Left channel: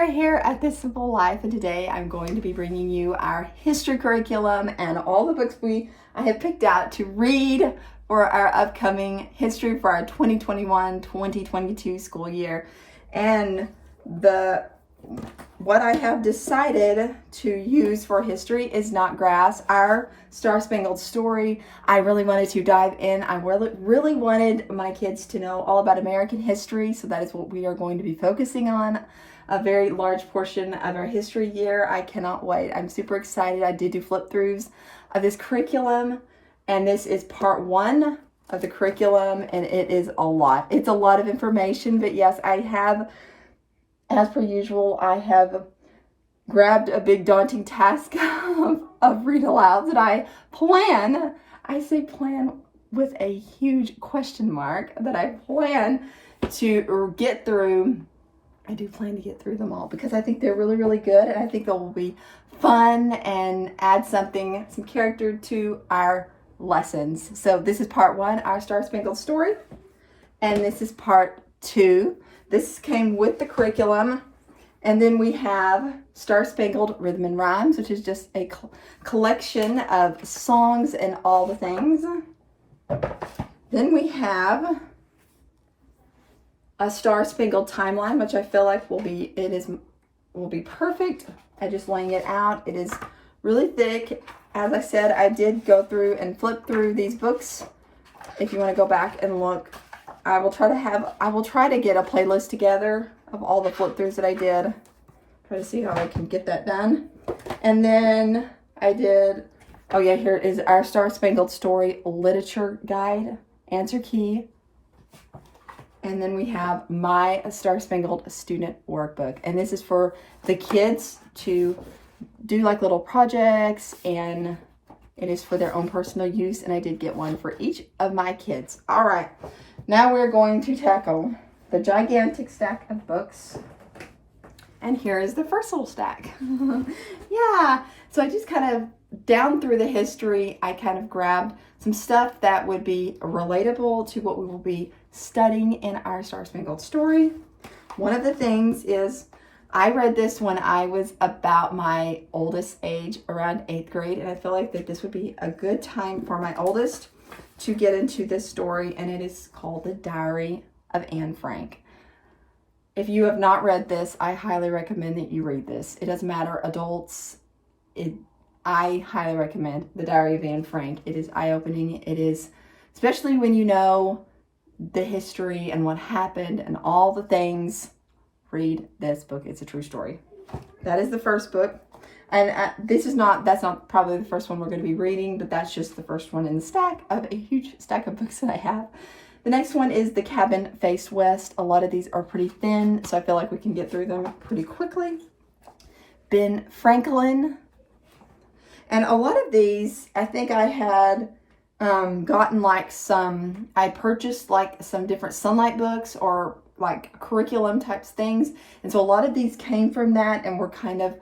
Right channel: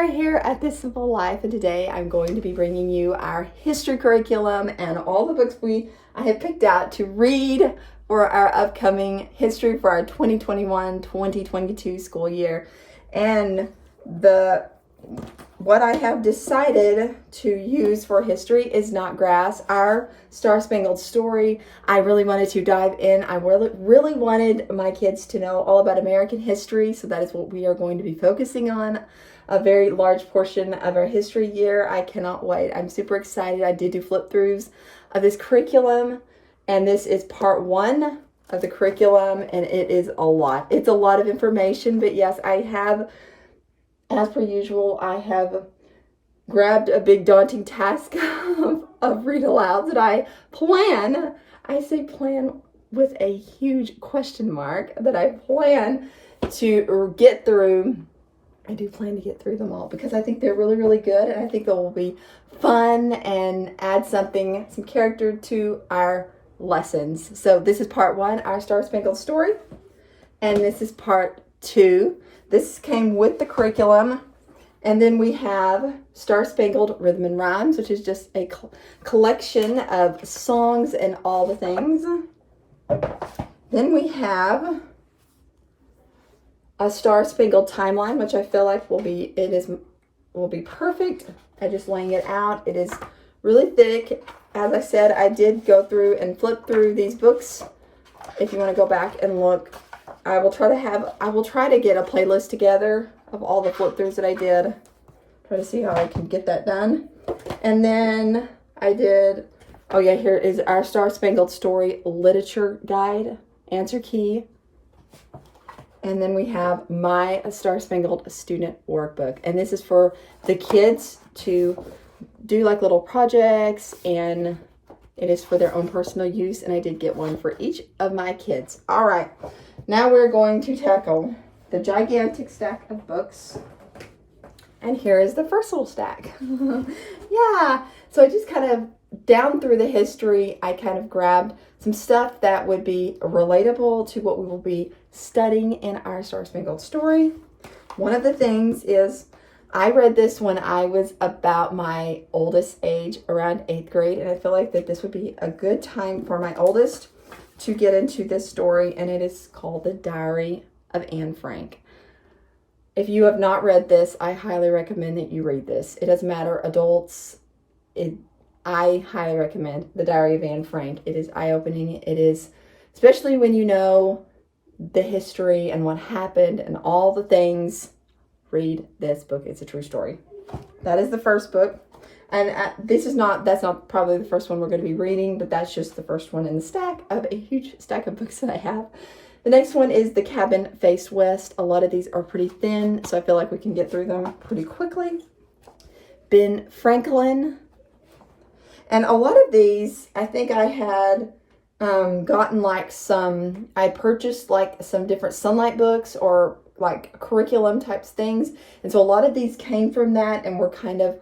Sarah here at This Simple Life, and today I'm going to be bringing you our history curriculum and all the books I have picked out to read for our upcoming history for our 2021-2022 school year. And what I have decided to use for history is Not Grass, our Star Spangled Story. I really wanted to dive in. I really wanted my kids to know all about American history, so that is what we are going to be focusing on. A very large portion of our history year. I cannot wait. I'm super excited. I did do flip throughs of this curriculum, and this is part 1 of the curriculum, and it is a lot. It's a lot of information, but yes, I have, as per usual, I have grabbed a big daunting task of read alouds that I say plan with a huge question mark, that I plan to get through. I do plan to get through them all because I think they're really, really good, and I think they will be fun and add some character to our lessons. So this is part 1, our Star Spangled Story, and this is part 2. This came with the curriculum. And then we have Star Spangled Rhythm and Rhymes, which is just a collection of songs and all the things. Then we have a Star Spangled Timeline, which I feel like will be perfect. I'm just laying it out. It is really thick. As I said, I did go through and flip through these books. If you want to go back and look, I will try to get a playlist together of all the flip throughs that I did. Try to see how I can get that done. And then I did, here is our Star Spangled Story Literature Guide, Answer Key. And then we have my Star Spangled Student Workbook. And this is for the kids to do like little projects, and it is for their own personal use. And I did get one for each of my kids. All right, now we're going to tackle the gigantic stack of books. And here is the first little stack. Yeah, so I just kind of, down through the history, I kind of grabbed some stuff that would be relatable to what we will be studying in our Star Spangled Story. One of the things is, I read this when I was about my oldest age, around 8th grade, and I feel like that this would be a good time for my oldest to get into this story, and it is called The Diary of Anne Frank. If you have not read this, I highly recommend that you read this. It doesn't matter, adults, I highly recommend The Diary of Anne Frank. It is eye-opening. It is, especially when you know the history and what happened and all the things, read this book. It's a true story. That is the first book. And that's not probably the first one we're going to be reading, but that's just the first one in the stack of a huge stack of books that I have. The next one is The Cabin Faced West. A lot of these are pretty thin, so I feel like we can get through them pretty quickly. Ben Franklin. And a lot of these, I think I had gotten I purchased like some different Sunlight books or like curriculum types things. And so a lot of these came from that and were kind of,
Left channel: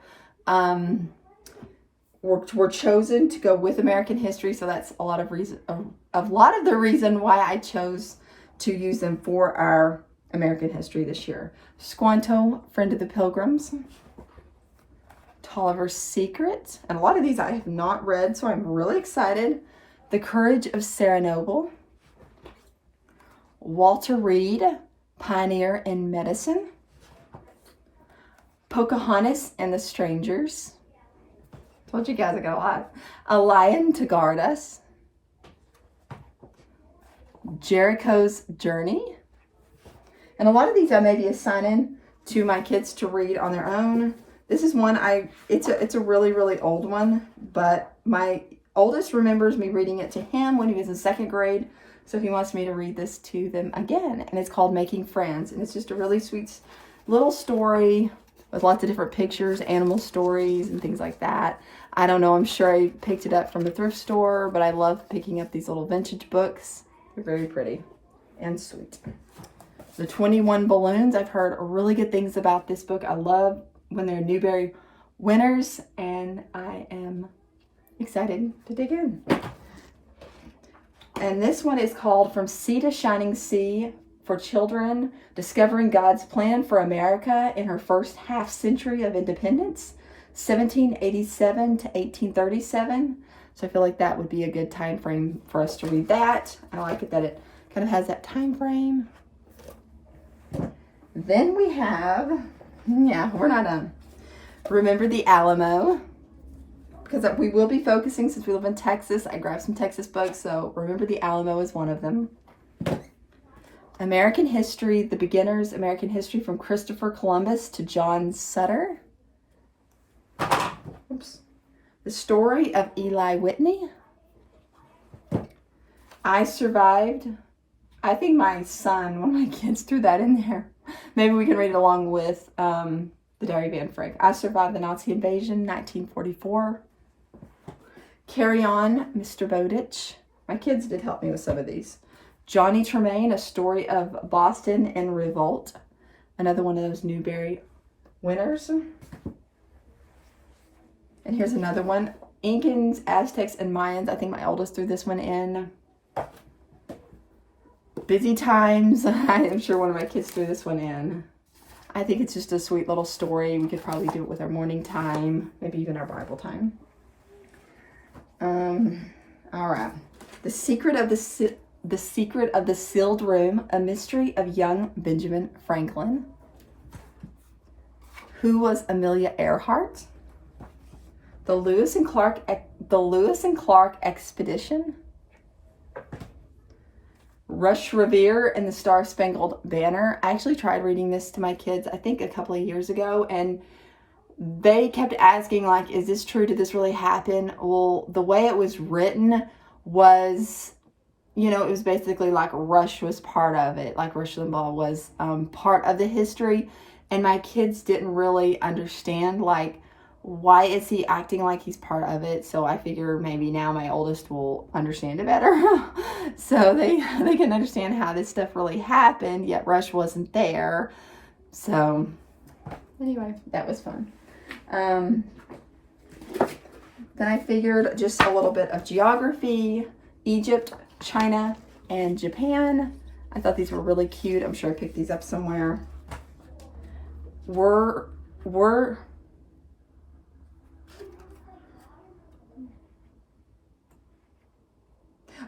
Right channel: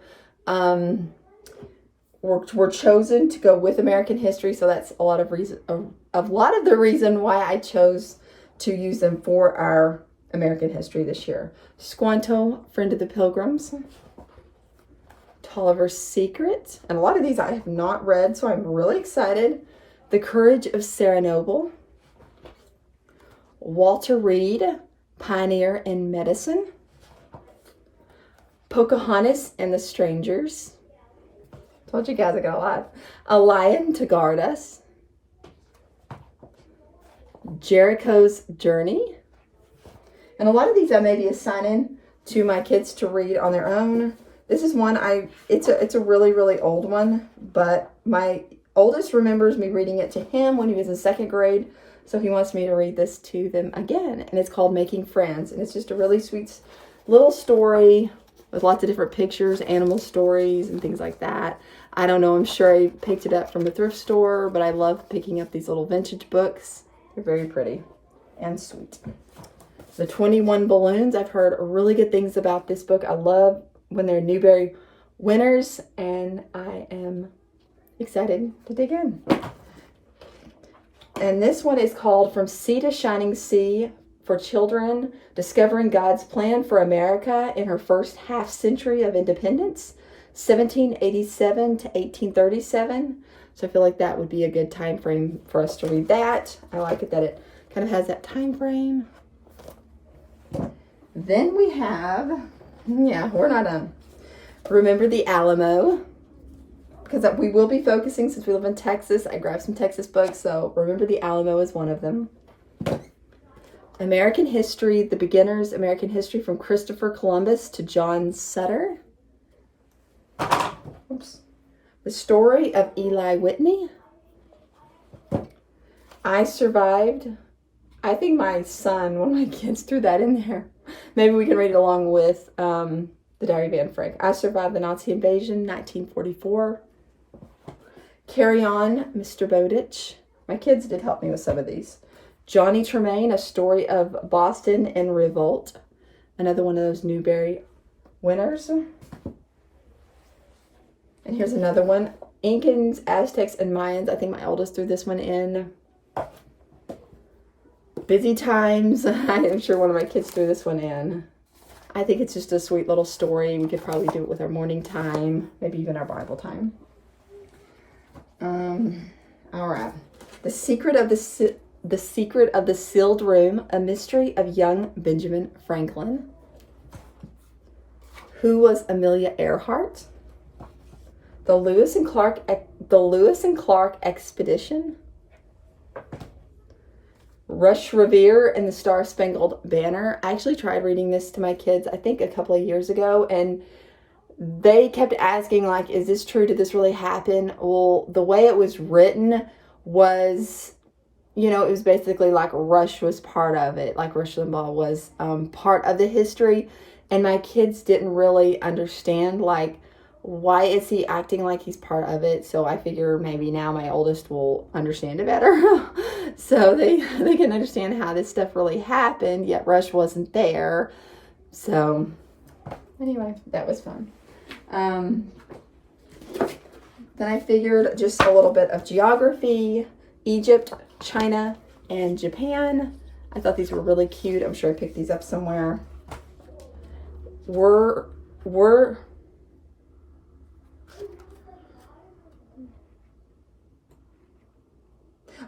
were chosen to go with American history. So that's a lot of the reason why I chose to use them for our American history this year. Squanto, Friend of the Pilgrims. Tolliver's Secret. And a lot of these I have not read, so I'm really excited. The Courage of Sarah Noble. Walter Reed, Pioneer in Medicine. Pocahontas and the Strangers. Told you guys I got a lot. A Lion to Guard Us. Jericho's Journey. And a lot of these I may be assigning to my kids to read on their own. This is one it's a really, really old one, but my oldest remembers me reading it to him when he was in 2nd grade. So he wants me to read this to them again. And it's called Making Friends. And it's just a really sweet little story with lots of different pictures, animal stories, and things like that. I don't know, I'm sure I picked it up from a thrift store, but I love picking up these little vintage books. They're very pretty and sweet. The 21 Balloons, I've heard really good things about this book. I love when they're Newbery winners, and I am excited to dig in. And this one is called From Sea to Shining Sea, for children, discovering God's plan for America in her first half century of independence, 1787 to 1837. So I feel like that would be a good time frame for us to read that. I like it that it kind of has that time frame. Then we have, yeah, we're not done. Remember the Alamo, because we will be focusing, since we live in Texas. I grabbed some Texas books, so Remember the Alamo is one of them. American History, The Beginner's American History from Christopher Columbus to John Sutter. Oops. The Story of Eli Whitney. I Survived. I think my son, one of my kids, threw that in there. Maybe we can read it along with The Diary of Anne Frank. I Survived the Nazi Invasion, 1944. Carry On, Mr. Bowditch. My kids did help me with some of these. Johnny Tremain, A Story of Boston in Revolt. Another one of those Newbery winners. And here's another one. Incans, Aztecs, and Mayans. I think my oldest threw this one in. Busy Times. I am sure one of my kids threw this one in. I think it's just a sweet little story. We could probably do it with our morning time, maybe even our Bible time. All right. The Secret of the Sealed Room, A Mystery of Young Benjamin Franklin. Who Was Amelia Earhart? The Lewis and Clark Expedition. Rush Revere and the Star Spangled Banner. I actually tried reading this to my kids, I think a couple of years ago, and they kept asking, like, is this true? Did this really happen? Well, the way it was written was, you know, it was basically like Rush was part of it. Like Rush Limbaugh was part of the history. And my kids didn't really understand, like, why is he acting like he's part of it? So I figure maybe now my oldest will understand it better. So they can understand how this stuff really happened, yet Rush wasn't there. So anyway, that was fun. Then I figured just a little bit of geography, Egypt, China, and Japan. I thought these were really cute. I'm sure I picked these up somewhere.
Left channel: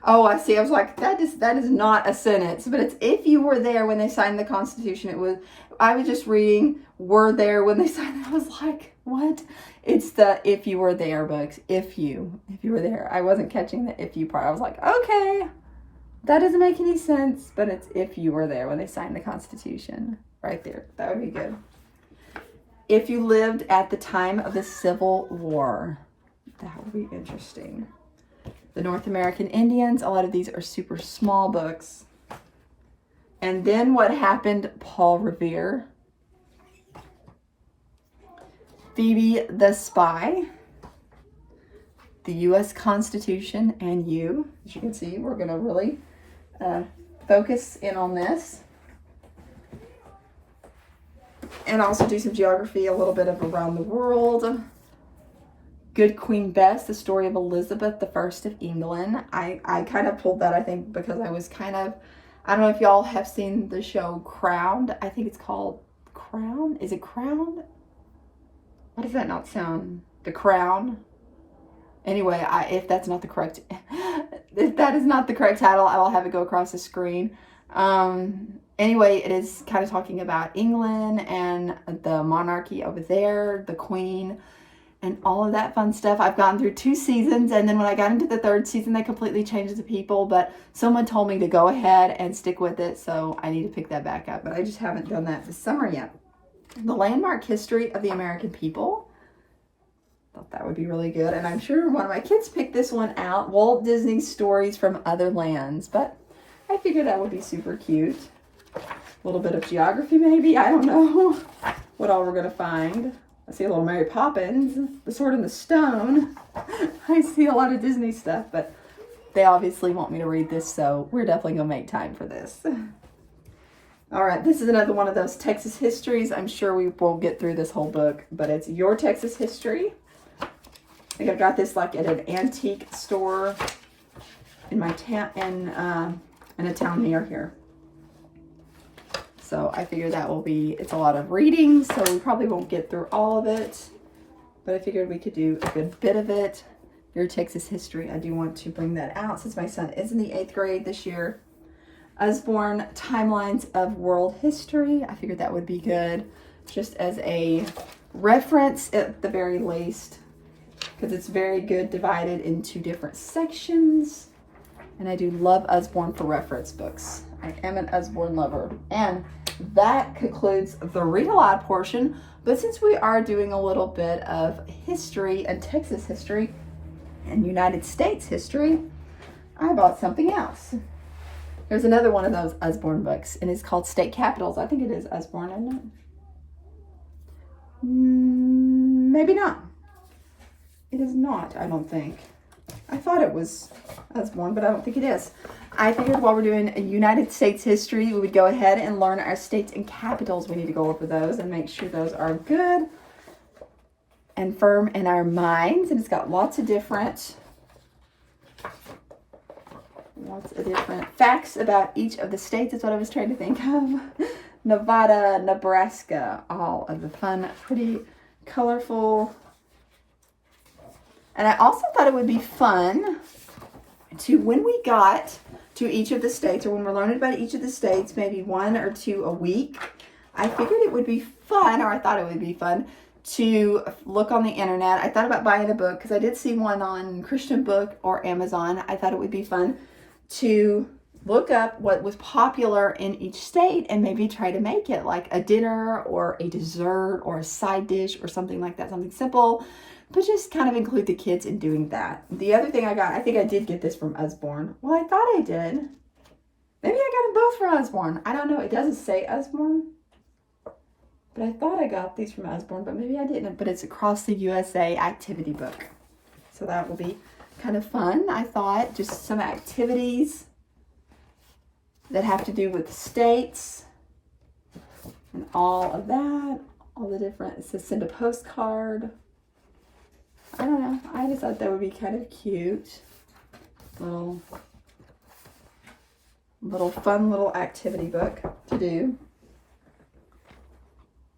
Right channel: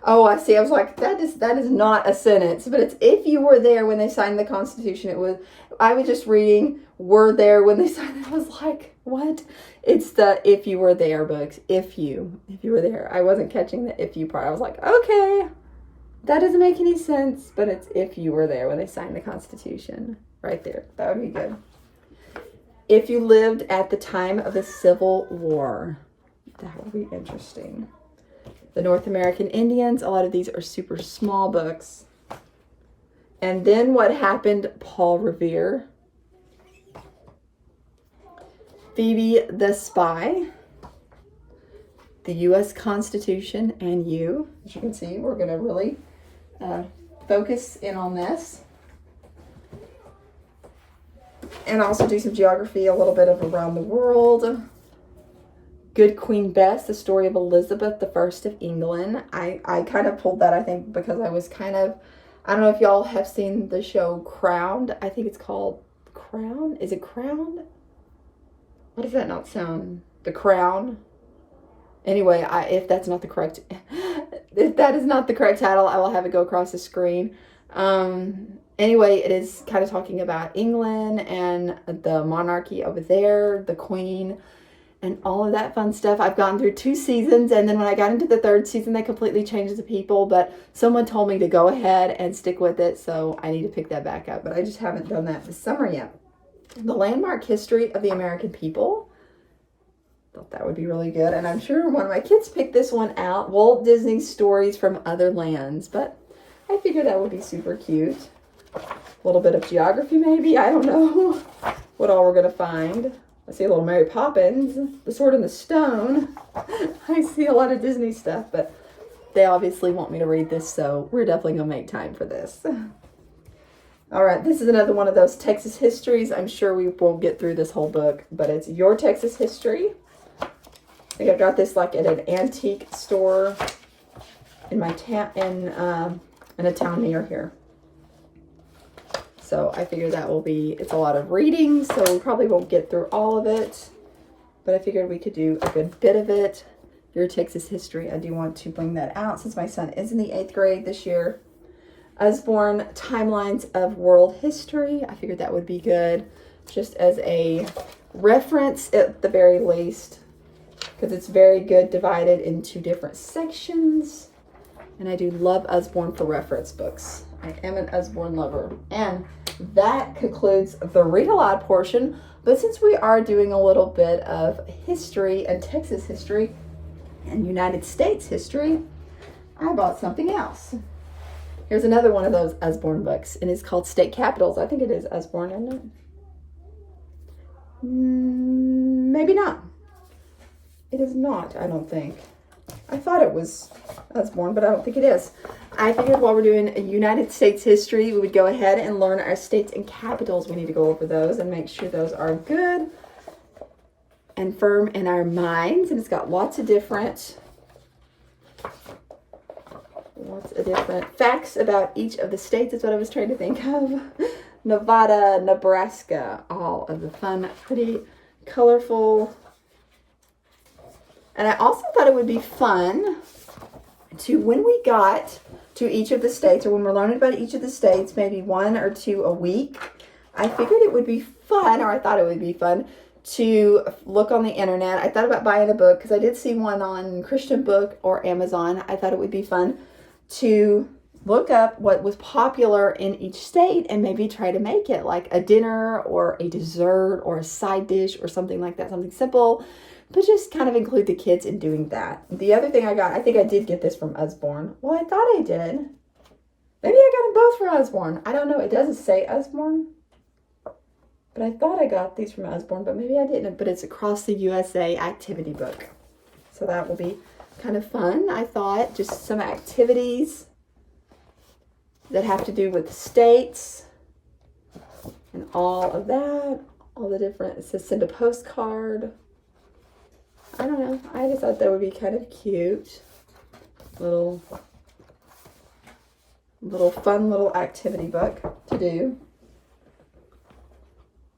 Oh, I see. I was like, that is not a sentence, but it's if you were there when they signed the Constitution. I was just reading, were there when they signed it. I was like, what? It's the if you were there books. If you were there. I wasn't catching the if you part. I was like, okay, that doesn't make any sense, but it's if you were there when they signed the Constitution. Right there. That would be good. If you lived at the time of the Civil War. That would be interesting. The North American Indians. A lot of these are super small books. And then what happened, Paul Revere. Phoebe the Spy. The U.S. Constitution and You. As you can see, we're going to really focus in on this. And also do some geography, a little bit of around the world. Good Queen Bess, the story of Elizabeth I of England. I kind of pulled that, I think, because I was kind of, I don't know if y'all have seen the show Crowned. I think it's called Crown. Is it Crowned? What does that not sound? The Crown? Anyway, if that's not the correct, if that is not the correct title, I will have it go across the screen. Anyway, it is kind of talking about England and the monarchy over there, the Queen, and all of that fun stuff. I've gone through 2 seasons, and then when I got into the 3rd season, they completely changed the people, but someone told me to go ahead and stick with it, so I need to pick that back up, but I just haven't done that this summer yet. The Landmark History of the American People. Thought that would be really good, and I'm sure one of my kids picked this one out, Walt Disney's Stories from Other Lands, but I figured that would be super cute. A little bit of geography maybe, I don't know what all we're going to find. I see a little Mary Poppins, The Sword and the Stone. I see a lot of Disney stuff, but they obviously want me to read this, so we're definitely going to make time for this. All right, this is another one of those Texas histories. I'm sure we won't get through this whole book, but it's Your Texas History. I think I got this like at an antique store in my town, in a town near here. So I figured that will be, it's a lot of reading, so we probably won't get through all of it, but I figured we could do a good bit of it. Your Texas history, I do want to bring that out since my son is in the 8th grade this year. Usborne Timelines of World History, I figured that would be good, just as a reference at the very least, because it's very good divided into different sections. And I do love Usborne for reference books. I am an Usborne lover. And that concludes the read aloud portion. But since we are doing a little bit of history and Texas history and United States history, I bought something else. Here's another one of those Usborne books, and it's called State Capitals. I think it is Usborne, isn't it? Maybe not. It is not, I don't think. I thought it was Usborne, but I don't think it is. I figured while we're doing a United States history, we would go ahead and learn our states and capitals. We need to go over those and make sure those are good and firm in our minds. And it's got lots of different facts about each of the states. Is what I was trying to think of. Nevada, Nebraska, all of the fun, pretty colorful. And I also thought it would be fun to, when we got to each of the states, or when we're learning about each of the states, maybe 1 or 2 a week, I figured it would be fun, or I thought it would be fun, to look on the internet. I thought about buying a book, because I did see one on Christian Book or Amazon. I thought it would be fun to look up what was popular in each state and maybe try to make it like a dinner or a dessert or a side dish or something like that, something simple, but just kind of include the kids in doing that. The other thing I got, I think I did get this from Usborne. Well, I thought I did. Maybe I got them both from Usborne. I don't know. It doesn't say Usborne, but I thought I got these from Usborne, but maybe I didn't. But it's Across the USA activity book. So that will be kind of fun. I thought just some activities that have to do with states and all of that, all the different, it says send a postcard. I don't know. I just thought that would be kind of cute. Little fun little activity book to do.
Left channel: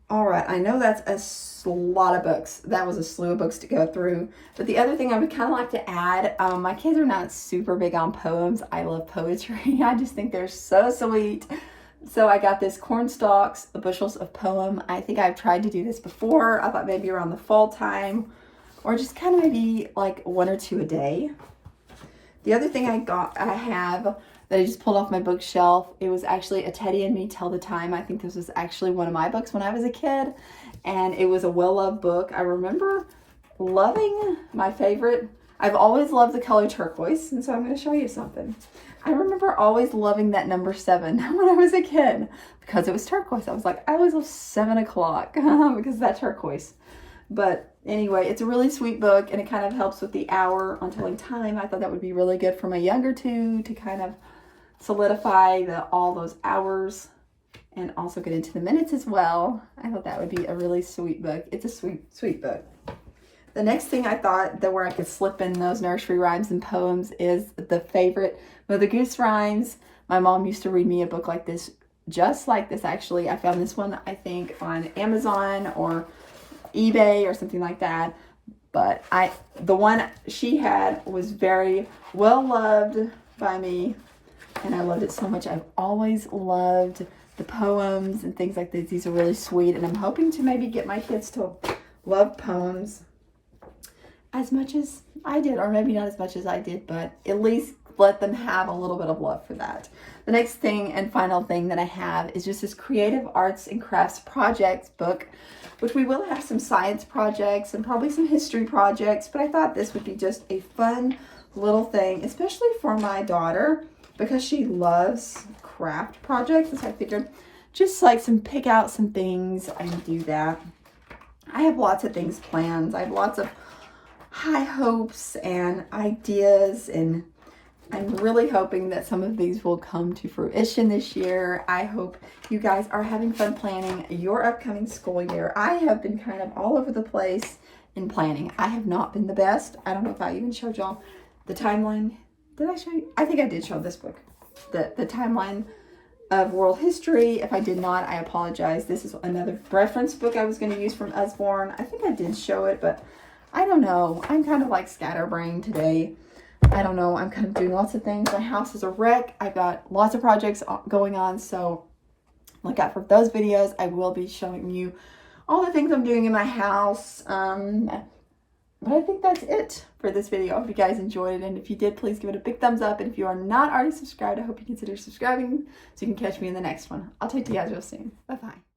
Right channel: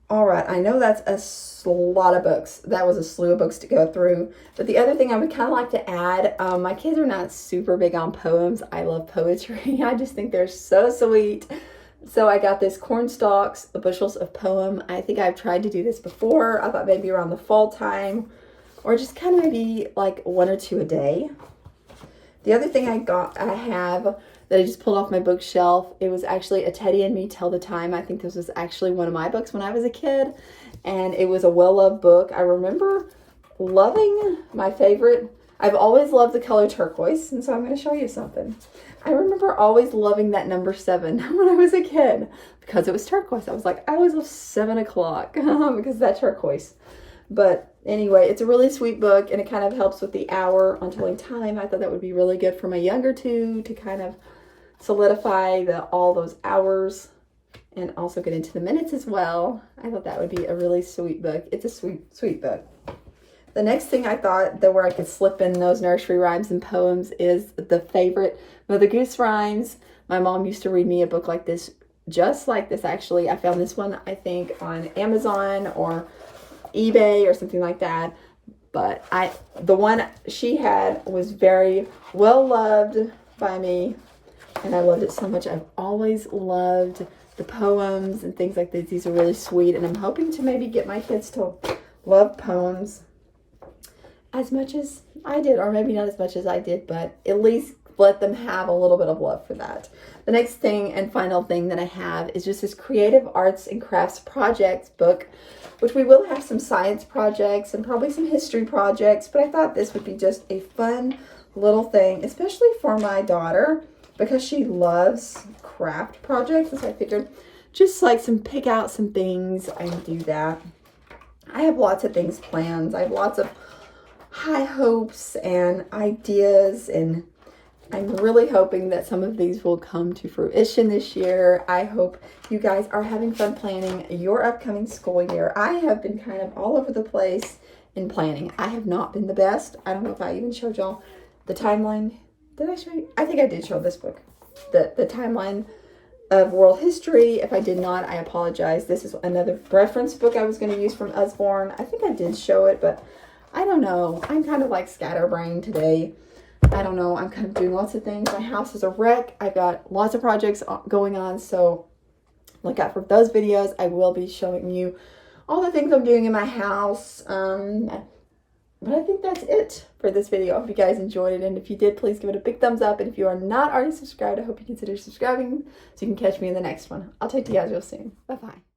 All right, I know that's a lot of books. That was a slew of books to go through. But the other thing I would kind of like to add, my kids are not super big on poems. I love poetry. I just think they're so sweet. So I got this Corn Stalks, the Bushels of Poem. I think I've tried to do this before. I thought maybe around the fall time, or just kind of maybe like 1 or 2 a day. The other thing I have that I just pulled off my bookshelf, it was actually A Teddy and Me Tell the Time. I think this was actually one of my books when I was a kid, and it was a well-loved book. I remember loving, my favorite, I've always loved the color turquoise, and so I'm going to show you something. I remember always loving that number 7 when I was a kid because it was turquoise. I was like, I always love 7 o'clock because of that turquoise. But anyway, it's a really sweet book, and it kind of helps with the hour on telling time. I thought that would be really good for my younger 2 to kind of solidify all those hours and also get into the minutes as well. I thought that would be a really sweet book. It's a sweet, sweet book. The next thing I thought that where I could slip in those nursery rhymes and poems is the favorite Mother Goose rhymes. My mom used to read me a book like this, just like this actually. I found this one, I think, on Amazon or eBay or something like that. But the one she had was very well loved by me, and I loved it so much. I've always loved the poems and things like this. These are really sweet, and I'm hoping to maybe get my kids to love poems as much as I did, or maybe not as much as I did, but at least let them have a little bit of love for that. The next thing and final thing that I have is just this Creative Arts and Crafts Projects book, which we will have some science projects and probably some history projects, but I thought this would be just a fun little thing, especially for my daughter, because she loves craft projects. And so I figured just like pick out some things and do that. I have lots of things planned. I have lots of high hopes and ideas, and I'm really hoping that some of these will come to fruition this year. I hope you guys are having fun planning your upcoming school year. I have been kind of all over the place in planning. I have not been the best. I don't know if I even showed y'all the timeline. Did I show you? I think I did show this book. The timeline of world history. If I did not, I apologize. This is another reference book I was going to use from Usborne. I think I did show it, but I don't know. I'm kind of like scatterbrained today. I don't know. I'm kind of doing lots of things. My house is a wreck. I've got lots of projects going on, so look out for those videos. I will be showing you all the things I'm doing in my house. But I think that's it for this video. I hope you guys enjoyed it. And if you did, please give it a big thumbs up. And if you are not already subscribed, I hope you consider subscribing so you can catch me in the next one. I'll talk to you guys real soon. Bye-bye.